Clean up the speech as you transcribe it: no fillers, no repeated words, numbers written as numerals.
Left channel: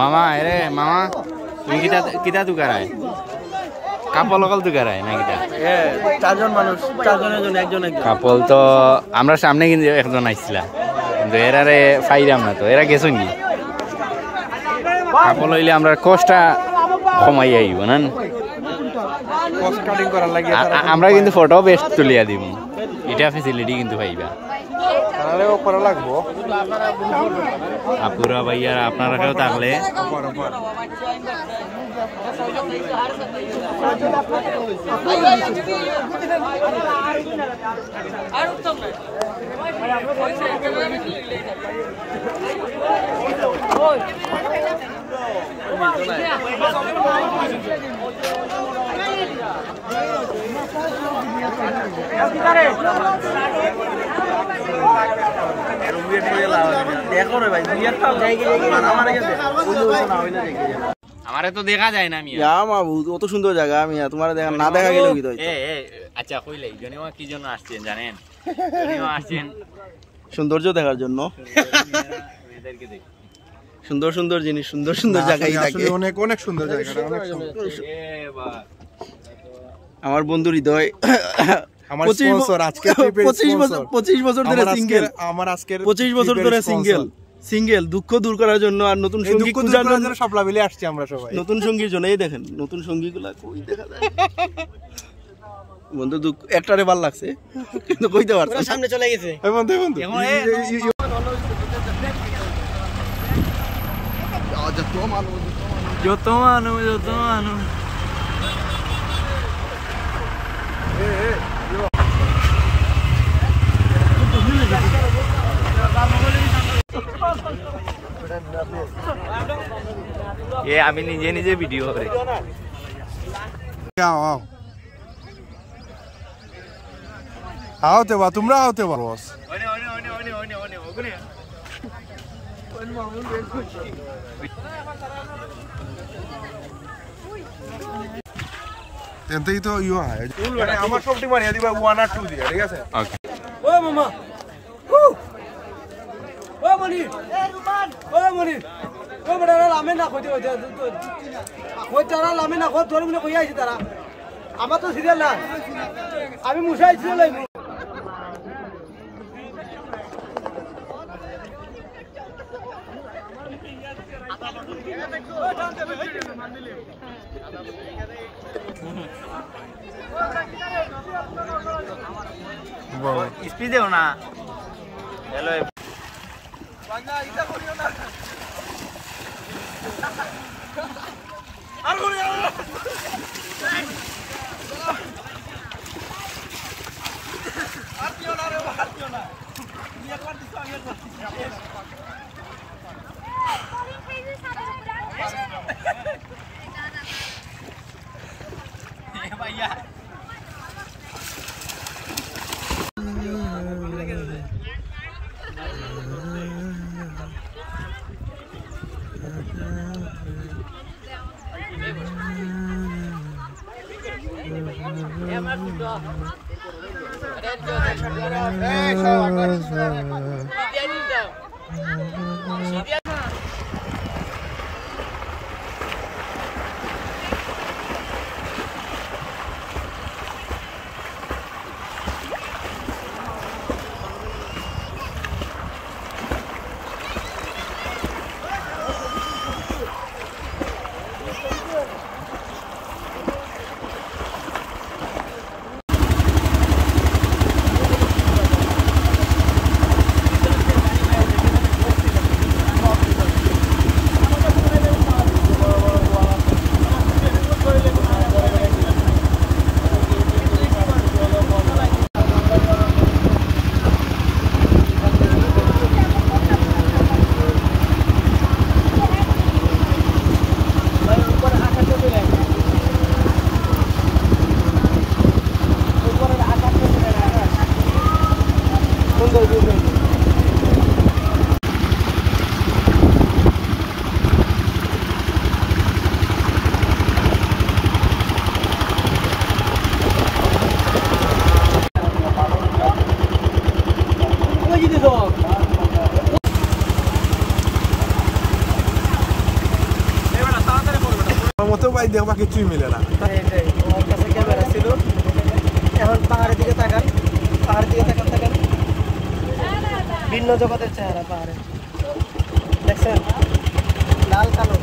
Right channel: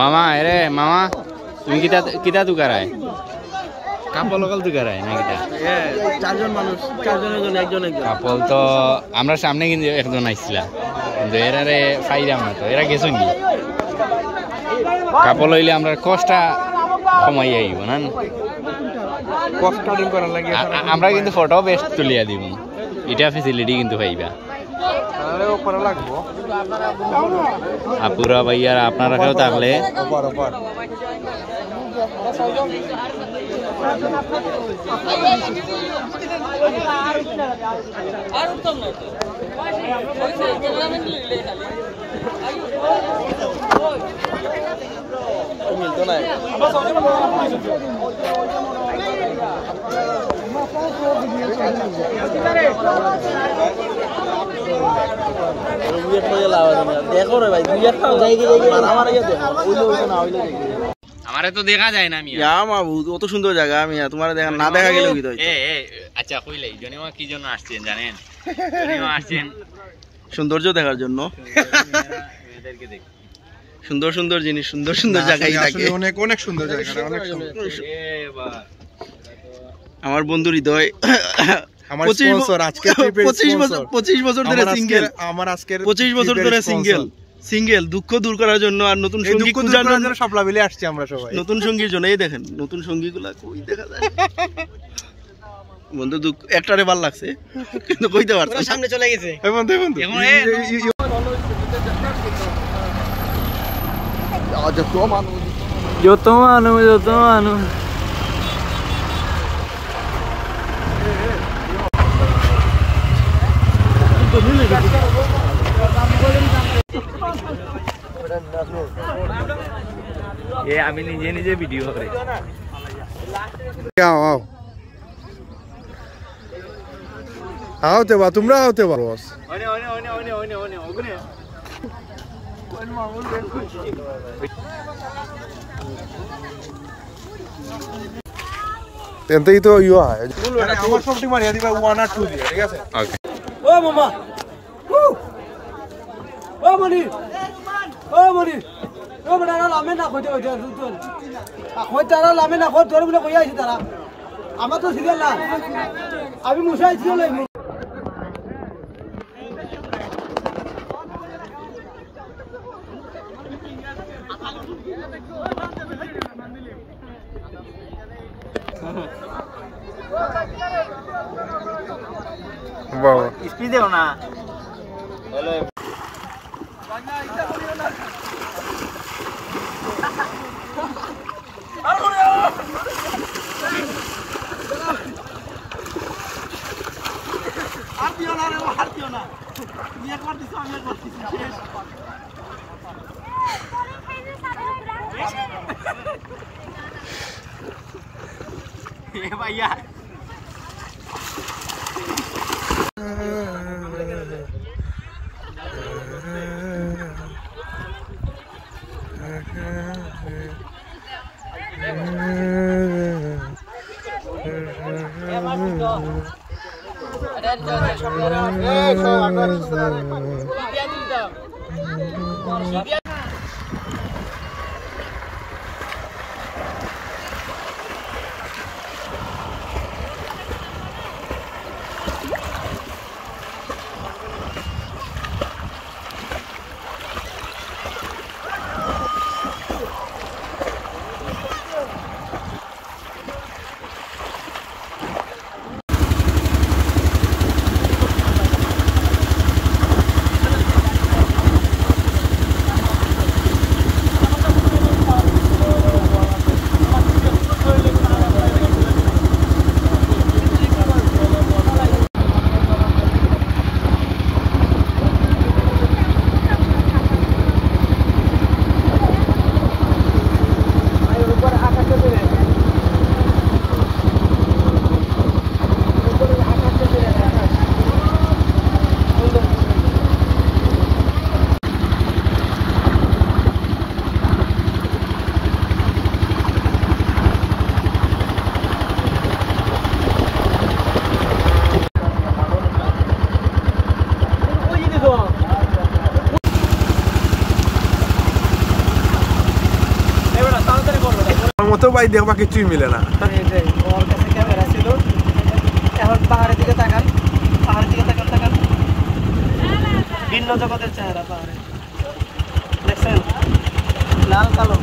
মামা এরে মামা তুমি কিতা তুকারায় কাপল অকল তুকারায় না কিতা চারজন মানুষ চারজনের জন্য একজন কাপল তো আমরা সামনে কিন্তু একজন আইছিলা কিন্তু এরারে পাইলাম না তো এরা গেছো নি কাপল হইলে আমরা কোস্টটা কমাই আইব না কস্ট কাটিং করার লাগে আমরা কিন্তু ফটো বেস্ট তুলিয়া দিব এটা ফ্যাসিলিটি কিন্তু পাইবা আপুরা ভাইয়ার আপনারা কেউ থাকলে আমারে তো দেখা যায় না অত সুন্দর জায়গা আমি তোমার দেখা না দেখা গেলেও কি আচ্ছা কইলাই জনেও কি জন্য আসছেন জানেন আসছেন সৌন্দর্য দেখার জন্য সুন্দর সুন্দর জিনিস সুন্দর সুন্দর জায়গায় থাকে অনেক অনেক সুন্দর জায়গা অনেক সুন্দর আমার বন্ধু হৃদয় আমার স্পন্সর আজকে 25 বছর ধরে সিঙ্গেল আমার আজকে 25 বছর ধরে সিঙ্গেল দুঃখ দূর করার জন্য আর নতুন সঙ্গী খোঁজার জন্য সবলা মিলে আসছি আমরা সবাই নতুন সঙ্গীর জন্য এই দেখেন নতুন সঙ্গীগুলা কই দেখা যায় বন্ধু দুঃখ একটারে ভালো লাগছে কিন্তু কইতে পারছ সামনে চলে গেছে এই বন্ধু যত মানুষ আমি নিজে নিজে ভিডিও করে আওতে বা তোমরা আওতে বা এতেই তো ইয়া হয় আমার সবটি মারিয়া দিবা 1 আর 2 দিয়া ঠিক আছে ওকে ও মামা ও মনি ও বড় লামে না কইতে ওই কই তারা লামে না কই তোর বলে কই আইছে তারা আমার তো সিরিয়াল না আমি মুসাই ছিল লই বাবা স্পিড দেও না হ্যালো বাংলা ইটা করিও না भैया আমার মতো ভাই দেখবা কিছুই মিলে না। ওর কাছে ক্যামেরা ছিল, এখন পাহাড়ের দিকে তাকান, পাহাড়ের দিকে তাকান তাকান, ভিন্ন জগতের চেহারা পাহাড়ে দেখছেন, লাল কালো।